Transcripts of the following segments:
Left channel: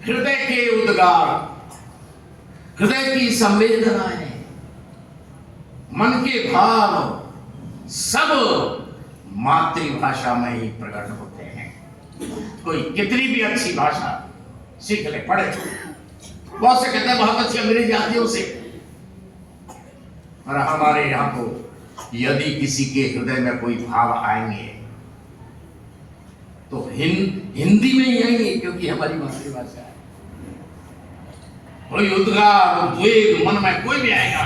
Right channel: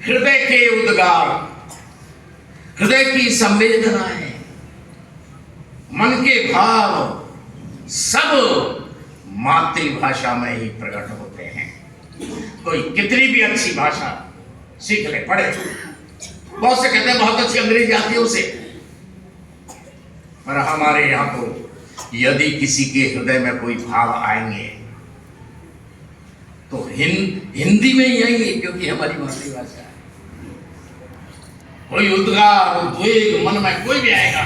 हृदय के उद्गार, हृदय की संवेदनाएं, मन के भाव सब मातृभाषा में ही प्रकट होते हैं। कोई कितनी भी अच्छी भाषा सीख ले, पढ़े, बहुत से कहते हैं बहुत अच्छी अंग्रेजी आती है उसे, पर हमारे यहां तो यदि किसी के हृदय में कोई भाव आएंगे तो हिंदी में ही आएंगे, क्योंकि हमारी मातृभाषा है। कोई उद्गार उद्वेग मन में कोई भी आएगा,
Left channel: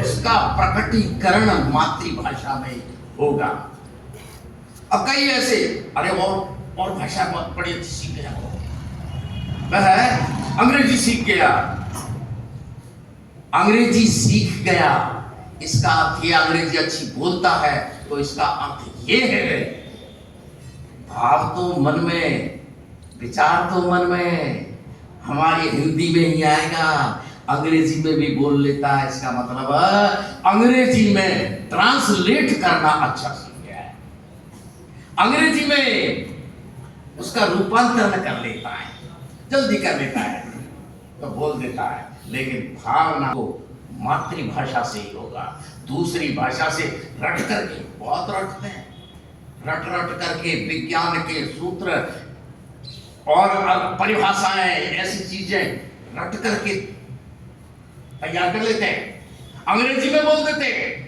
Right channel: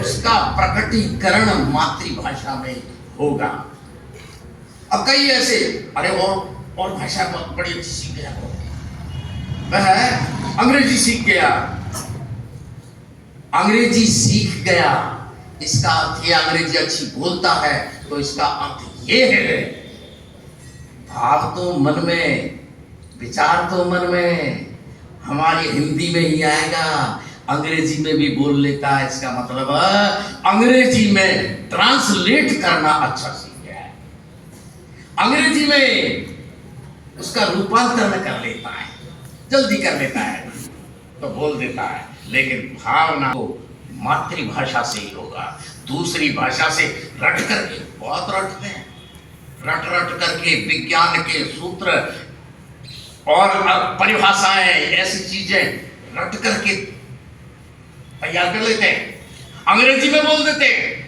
उसका प्रकटीकरण मातृभाषा में होगा। अब कई ऐसे, अरे और भाषा बहुत बड़ी अच्छी सीख गया, वह अंग्रेजी सीख गया, अंग्रेजी सीख गया, इसका अर्थ ये अंग्रेजी अच्छी बोलता है, तो इसका अर्थ ये है भाव तो मन में, विचार तो मन में, हमारी हिंदी में ही आएगा, अंग्रेजी में भी बोल लेता है, इसका मतलब अंग्रेजी में ट्रांसलेट करना अच्छा सीख गया है, अंग्रेजी में उसका रूपांतरण कर लेता है, जल्दी कर लेता है तो बोल देता है। लेकिन भावना तो मातृभाषा से ही होगा। दूसरी भाषा से रट करके, बहुत रटते हैं, रट रट करके विज्ञान के सूत्र और परिभाषाएं, ऐसी चीजें रट करके तैयार कर लेते हैं, अंग्रेजी में बोल देते हैं,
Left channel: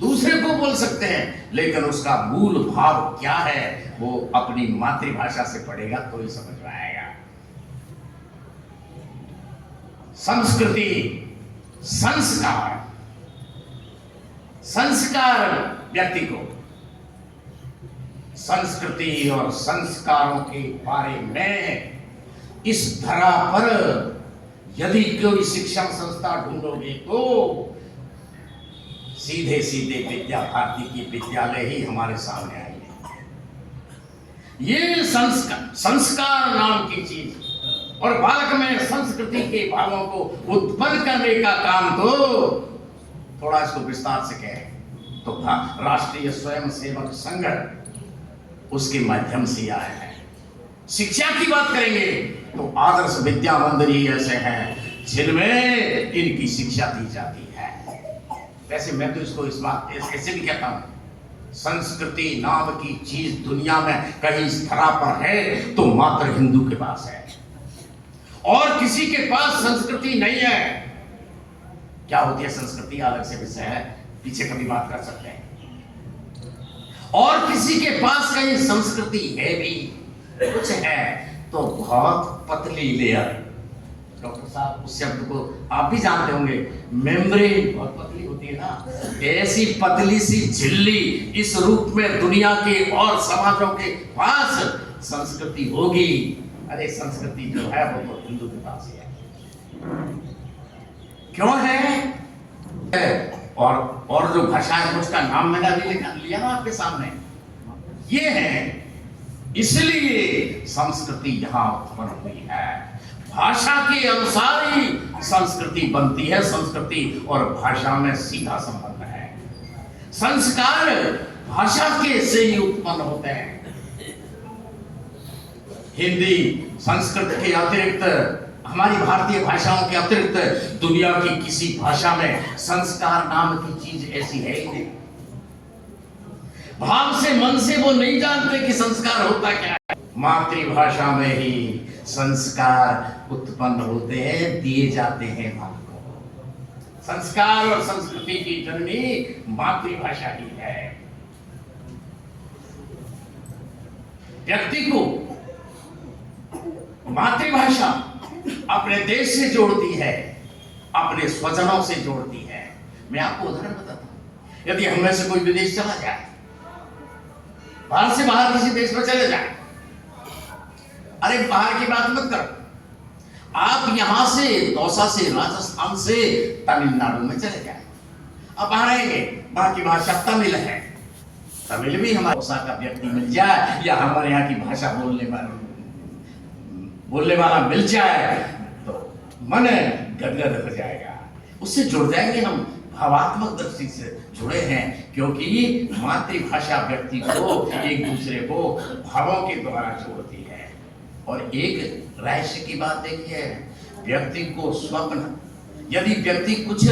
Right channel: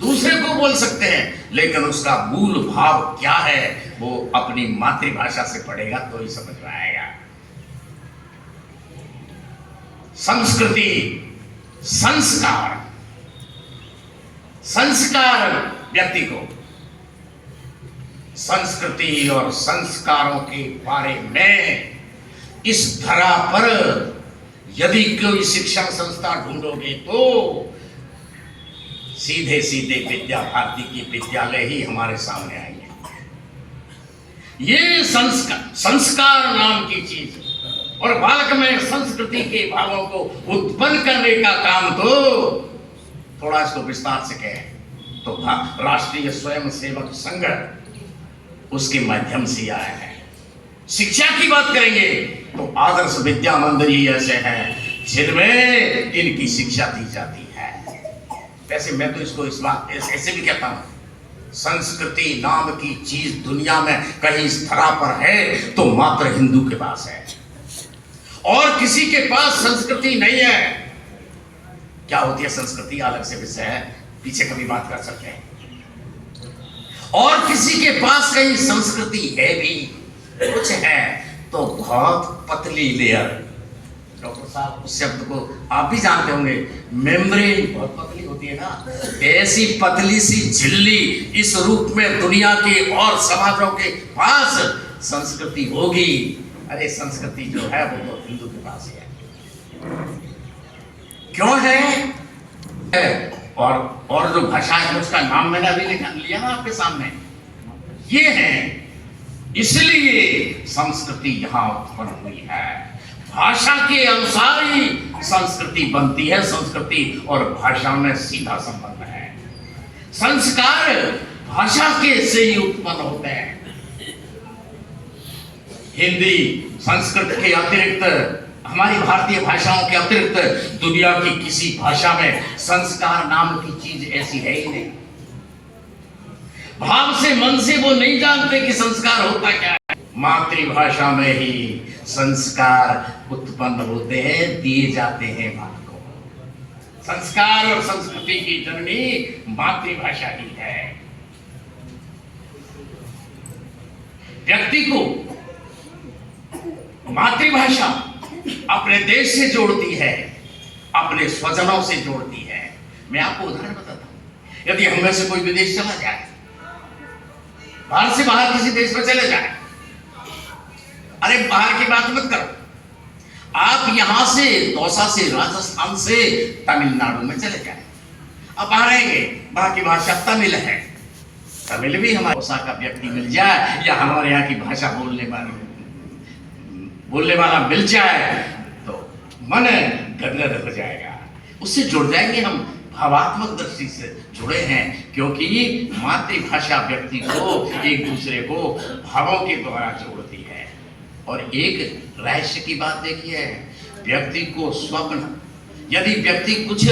दूसरे को बोल सकते हैं, लेकिन उसका मूल भाव क्या है वो अपनी मातृभाषा से पढ़ेगा तो ही समझ में आएगा। संस्कृति, संस्कार, संस्कार व्यक्ति को संस्कृति और संस्कारों के बारे में इस धरा पर यदि कोई शिक्षण संस्था ढूंढोगे तो सीधे सीधे विद्या भारती की विद्यालय ही हमारे सामने आएंगे। ये संस्कार नाम की चीज और बालक में संस्कृति के भावों को उत्पन्न करने का काम तो थोड़ा इसको विस्तार से कहें तो राष्ट्रीय स्वयंसेवक संघ उसके माध्यम से आया है। शिक्षा की बात करेंगे तो आदर्श विद्या मंदिर ही ऐसे हैं जिनमें इनकी शिक्षा दी जाती है। वैसे मैं तो इसको इस बात ऐसे भी कहता हूं, संस्कृति नाम की चीज दुनिया में कहीं इस धरा पर है तो मात्र हिंदू के पास है, और किसी के पास संस्कृति नहीं है। क्या होती है संस्कृति, अलग से विषय है, पीछे कभी बात कर सकते हैं। और किसी के पास कहीं संस्कृति है भी, कुछ है तो बहुत पतली लेयर। डॉक्टर साहब उस शब्द को आप भी जानते होंगे, मेम्ब्रेन बहुत पतली होती है ना, ऐसी पतली सी झिल्ली इस रूप में दुनिया के और समाजों के पास संस्कृति होगी। अरे संस्कृति जो है वो तो हिंदू के पास है। क्यों है? और जो भाषा है उसका नाम मैंने अभी लिया ना आपके सामने, ये है। इसलिए संस्कृति यहां उत्पन्न हुई है। भाषा के अनुसार ही संस्कृति बनती है। संस्कृति और भाषा में सीधा संबंध है। संस्कार भाषा के से ही उत्पन्न होते हैं। हिंदी, संस्कृत के अतिरिक्त, हमारी भारतीय भाषाओं के अतिरिक्त दुनिया की किसी भाषा में संस्कार नाम की चीज ऐसी है ही नहीं। भाव से, मन से वो नहीं जानते कि संस्कार होता क्या है। मातृभाषा में ही संस्कार उत्पन्न होते हैं, दिए जाते हैं बालकों को। संस्कार और संस्कृति की जननी मातृभाषा ही है। व्यक्ति को मातृभाषा अपने देश से जोड़ती है, अपने स्वजनों से जोड़ती है। मैं आपको उदाहरण बताता हूं, यदि हम में से कोई विदेश चला जाए, भारत से बाहर किसी देश में चले जाए, अरे बाहर की बात मत करो, आप यहां से दौसा से, राजस्थान से तमिलनाडु में चले जाए, अब बाहर रहेंगे, वहां की भाषा तमिल है, तमिल भी हमारे दौसा का व्यक्ति मिल जाए या हमारे यहाँ की भाषा बोलने वाला मिल जाए तो मन गदगद हो जाएगा। उससे जुड़ जाएंगे हम, भावात्मक दृष्टि से जुड़े हैं, क्योंकि मातृभाषा व्यक्ति को एक दूसरे को भावों के द्वारा जोड़ती है। और एक रहस्य की बात देखिए, व्यक्ति को स्वप्न, यदि व्यक्ति कुछ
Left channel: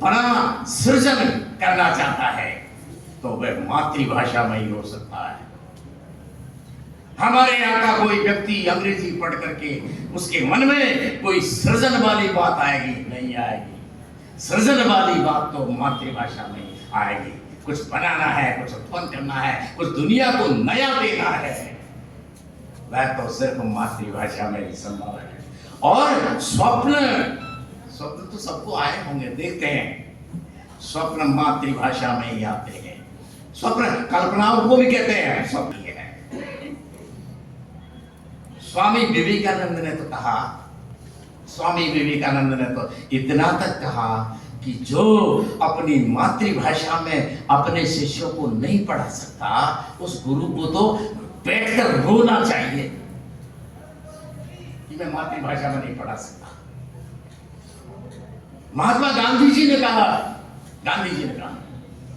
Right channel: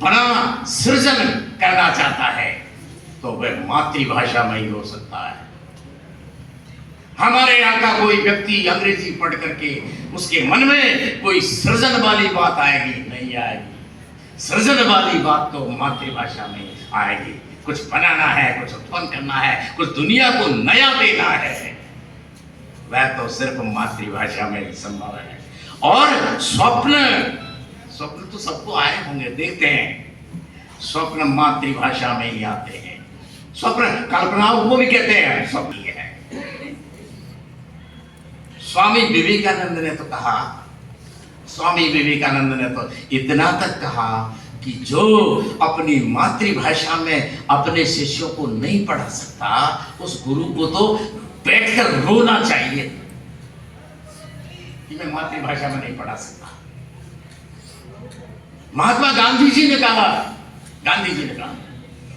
बड़ा सृजन करना चाहता है तो वह मातृभाषा में ही हो सकता है। हमारे यहाँ का कोई व्यक्ति अंग्रेजी पढ़ करके उसके मन में कोई सृजन वाली बात आएगी? नहीं आएगी। सृजन वाली बात तो मातृभाषा में आएगी। कुछ बनाना है, कुछ उत्पन्न करना है, कुछ दुनिया को नया देना है, वह तो सिर्फ मातृभाषा में ही संभव है। और स्वप्न तो सबको आए होंगे, देखते हैं। स्वप्न मातृभाषा में ही आते हैं। स्वप्न कल्पनाओं को भी कहते हैं स्वप्न है। स्वामी विवेकानंद ने तो कहा, स्वामी विवेकानंद ने तो इतना तक कहा कि जो अपनी मातृभाषा में अपने शिष्यों को नहीं पढ़ा सकता, उस गुरु को तो बैठकर रोना चाहिए कि मैं मातृभाषा में नहीं पढ़ा सकता। महात्मा गांधी जी ने कहा,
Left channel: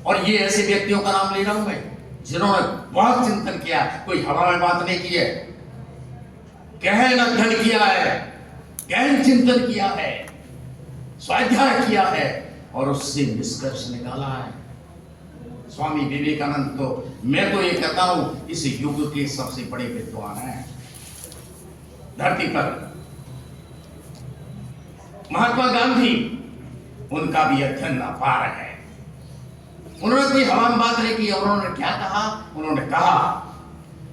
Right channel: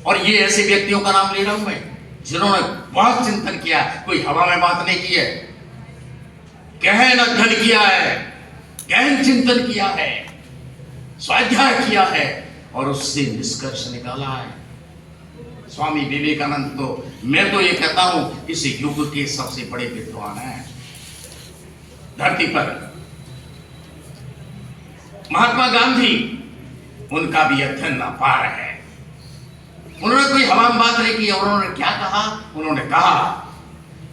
और ये ऐसे व्यक्तियों का नाम ले रहा हूं मैं जिन्होंने बहुत चिंतन किया, कोई हवा में बात नहीं की है, गहन अध्ययन किया है, गहन चिंतन किया है, स्वाध्याय किया है और उससे निष्कर्ष निकाला है। स्वामी विवेकानंद तो, मैं तो ये कहता हूं, इस युग के सबसे बड़े विद्वान हैं धरती पर। महात्मा गांधी, उनका भी अध्ययन अपार है। उन्होंने कोई हवा में बात नहीं की। उन्होंने क्या कहा? उन्होंने कहा,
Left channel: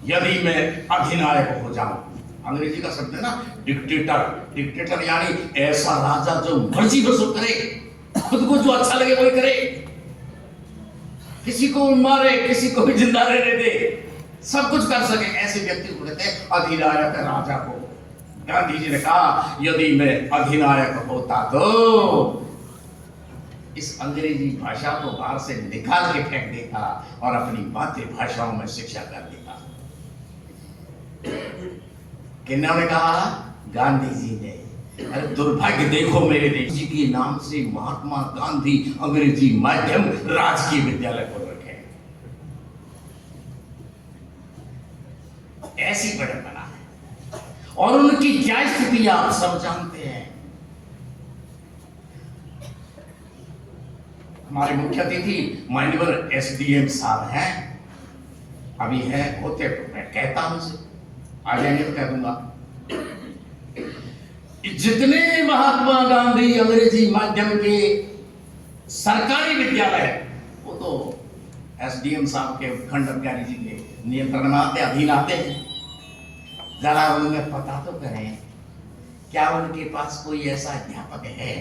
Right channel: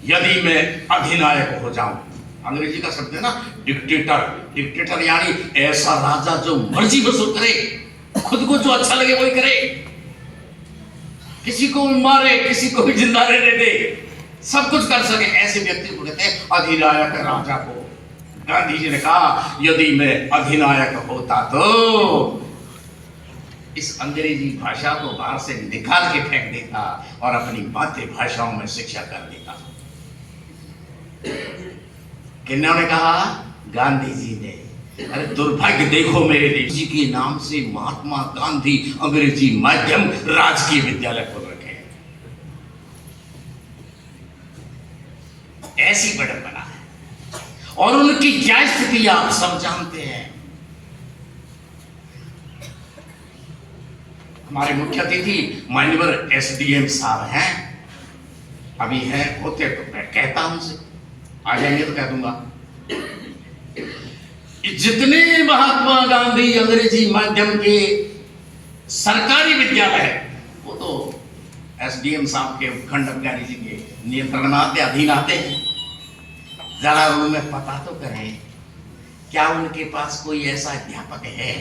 यदि मैं अधिनायक हो जाऊं, अंग्रेजी का शब्द है ना डिक्टेटर, यानी ऐसा राजा जो मर्जी वसूल करे, खुद को जो अच्छा लगे वही करे, किसी को मारे, किसी को भी जिंदा रहने दे, सब कुछ कर सके, ऐसे व्यक्ति को कहते हैं अधिनायक राजा को। गांधी जी ने कहा, यदि मैं अधिनायक होता तो इस अंग्रेजी भाषा को बाहर से निकाल के फेंक देता और अपनी मातृभाषाओं में शिक्षा कर देता। किन्होंने कहा? गांधी जी ने। अरे दुर्भाग्य देखो मेरे देश जी के नाम से महात्मा गांधी अंग्रेजी माध्यम राजकीय विद्यालय खोल रखे हैं। ऐसी विडंबना है। और उनकी क्या स्थिति आप सब जानते हैं। हमारे मुख्य अतिथि माननीय एसडीएम साहब हैं, अभी हैं, होते तो मैं कहता हूं उनसे, आ जाएंगे तो कह दूंगा। जितने महात्मा गांधी अंग्रेजी माध्यम के सरकारी विद्यालय है, वो तो एसडीएम साहब के उपखंड अधिकारी जी के नियंत्रण में आते, अधीन आते हैं। जरा उनमें पता तो करें, क्या उनके पास कोई ऐसा अध्यापक है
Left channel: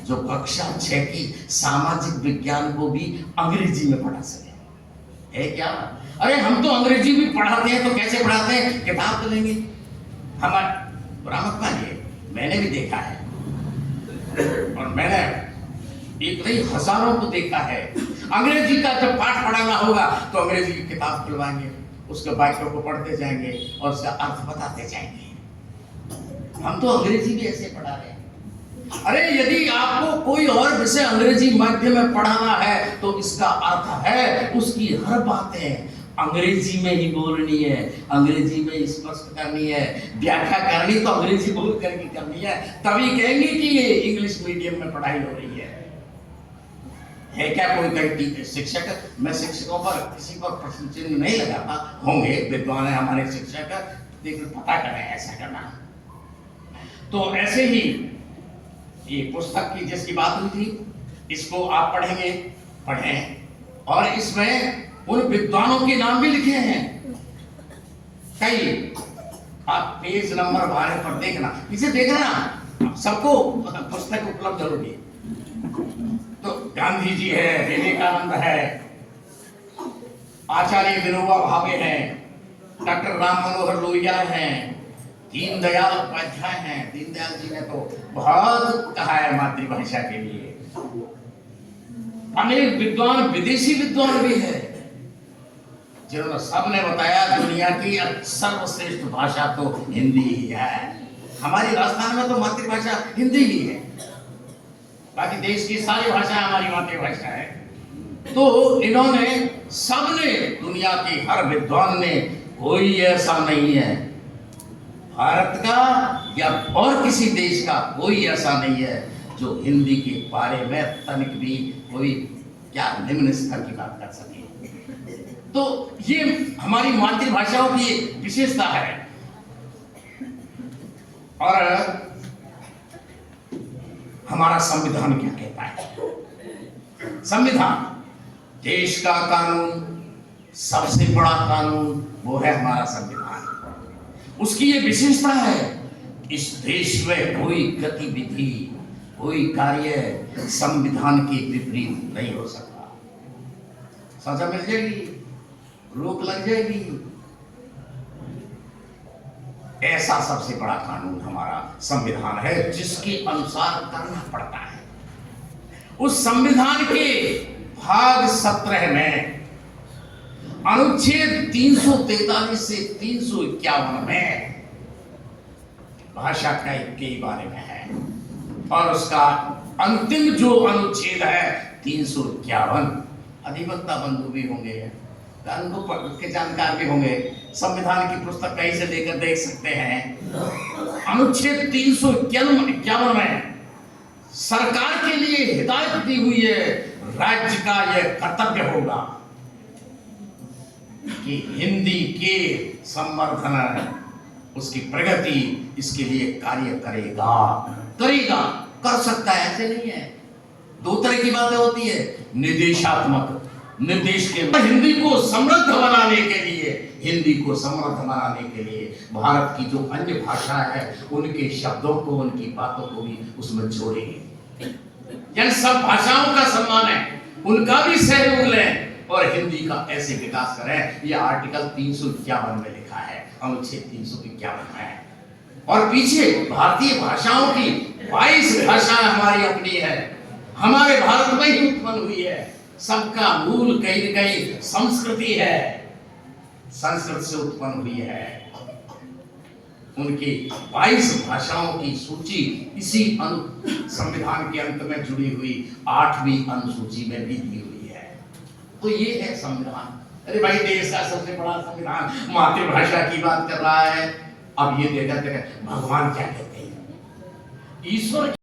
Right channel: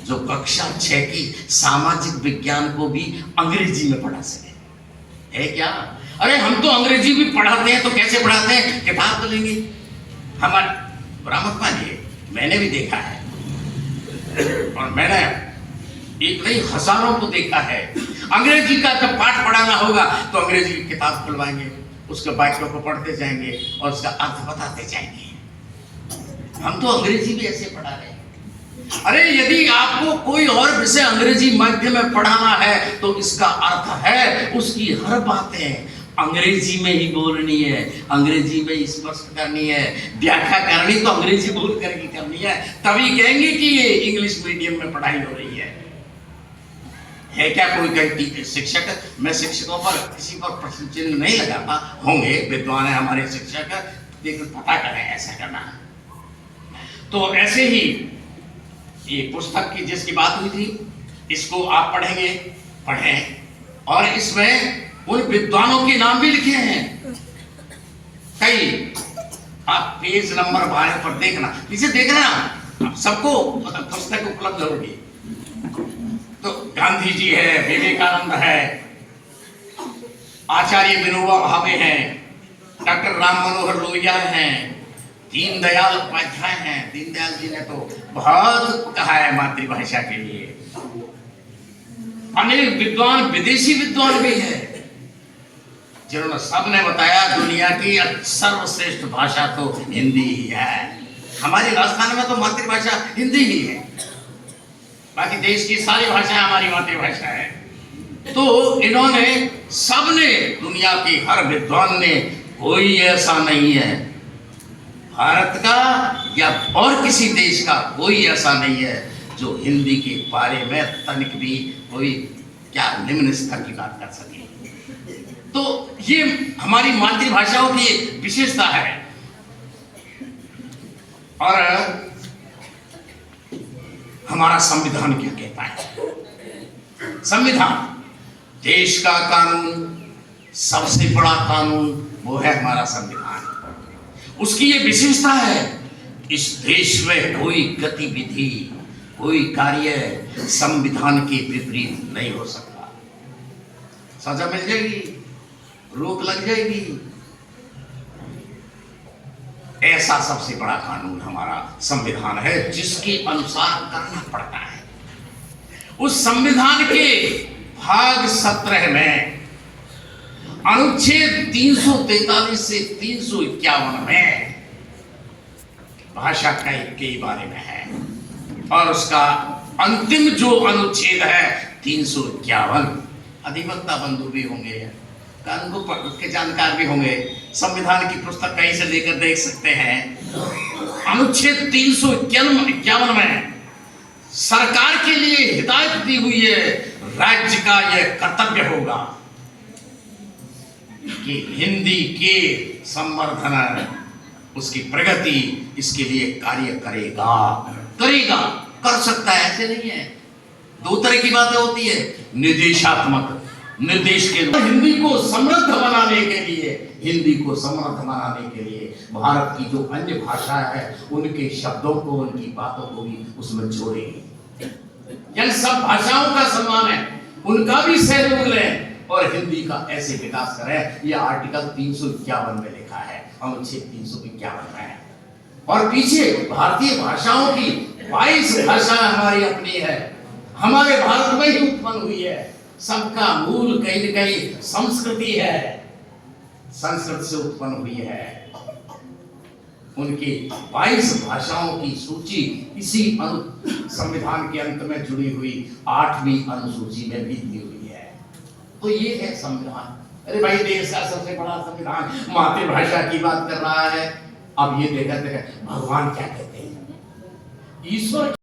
जो कक्षा 6 की सामाजिक विज्ञान को भी अंग्रेजी में पढ़ा सके? है क्या? अरे हम तो अंग्रेजी भी पढ़ाते हैं, तो कैसे पढ़ाते हैं? किताब तो लेंगे हमारे बरामद मानिए, मैंने भी देखा है और मैंने एक नहीं हजारों को देखा है। अंग्रेजी का जब पाठ पढ़ाना होगा तो अंग्रेजी की किताब खुलवाएंगे, उसके वाक्यों को पढ़ते जाएंगे और उसका अर्थ बताते जाएंगे। हम तो अंग्रेजी भी ऐसे पढ़ा रहे हैं। अरे यदि आपको कोई और विषय अंग्रेजी माध्यम में पढ़ाना है तो इसका अर्थ है उसकी हर बातें अंग्रेजी में ही बोलनी है, अंग्रेजी में ही स्पष्ट करनी है, व्याख्या करनी तो अंग्रेजी बोल करके करनी है, तभी कहेंगे कि ये इंग्लिश मीडियम में पढ़ाई हो रही है क्या कोई कहीं शिक्षक? मैं शिक्षकों पर किसी पर प्रश्न चिन्ह नहीं लगाता, होंगे विद्वान है हमारे शिक्षक, लेकिन पता करें ऐसा करना। तो ऐसे ही ये पुस्तक की जिसकी बात हुई थी, इसको आप पढ़ेंगे, पढ़ें, और इसमें उन विद्वानों के नाम भी लिखे हैं कई। आप पेज नंबर 12 पर देखना, इसे देखना, सबको पुस्तक उपलब्ध होगी। तो गांधी जी है, विवेकानंद है, आचार्य विनोबा भावे हैं, डॉक्टर राम मनोहर लोहिया हैं, दीनदयाल उपाध्याय हैं। दीनदयाल जी ने तो बहुत कहा है मातृभाषा के लिए। अनेक विद्वान, विदेशी विद्वान भी हैं जिन्होंने सबने बताया दुनिया की सर्वश्रेष्ठ भाषा तो हिंदी ही है। हमारी राजस्थान में तो मातृभाषा हिंदी ही है, बाकी देश की सारी भाषा हमारी मातृभाषा है। तो इन्होंने सबने, दुनिया की हर विद्वान ने, कोई ऐसा नहीं है, भारत का या और किसी देश का कोई ऐसा नहीं है जो हिंदी के बारे में तनिक भी कोई क्या निम्न स्तर की बात कर सके। तो ये हमारी मातृभाषाओं की विशेषता है। और हमारा संविधान क्या कहता है? संविधान देश का कानून, सबसे बड़ा कानून वो है हमारा संविधान। उसकी ये विशेषता है, इस देश में कोई गतिविधि, कोई कार्य संविधान के विपरीत नहीं हो सकता। सजा मिल जाएगी, रोक लग जाएगी। ऐसा सबसे बड़ा कानून हमारा संविधान है, जिसके अनुसार करना पड़ता है। उस संविधान के भाग 17 में अनुच्छेद 343 से 351 में भाषा के बारे में है, और उसका अंतिम जो अनुच्छेद है 351। अधिवक्ता बंधु भी होंगे, कानून के जानकार भी होंगे, संविधान की पुस्तक कहीं से लेकर देख सकते हैं। अनुच्छेद 351 में सरकार के लिए हिदायत दी हुई है, राज्य का यह कर्तव्य होगा कि हिंदी के संवर्धन, उसकी प्रगति, इसके लिए कार्य करेगा। कर सकता है, ऐसे नहीं है। दो तरह की बातें होती है, निर्देशात्मक, निर्देश के हिंदी को समृद्ध बनाने के लिए, हिंदी को समृद्ध बनाने के लिए भारत की जो अन्य भाषा है उनके शब्दों को, उनकी बातों को भी उसमें जोड़ेंगे। यानी सब भाषाओं का सम्मान है, उनका भी सहयोग लें और हिंदी का ऐसे विकास करें। यह आर्टिकल 351 में लिखा है, अनुच्छेद 351 में है। और पीछे भारतीय भाषाओं की 22 भाषाएं हमारी अपनी है, हमारे भारत में ही उत्पन्न हुई है। सबका मूल कहीं न कहीं संस्कृति है, संस्कृत से उत्पन्न हुई है। उनकी 22 भाषाओं की सूची इसी संविधान के अंत में जुड़ी हुई 8वीं अनुसूची में भी दी हुई है। तो ये है संविधान। अरे भाई, देश का सबसे बड़ा संविधान मातृभाषा की बात कर रहा है। अब ये देखा भगवान क्या कहते हैं, ईश्वर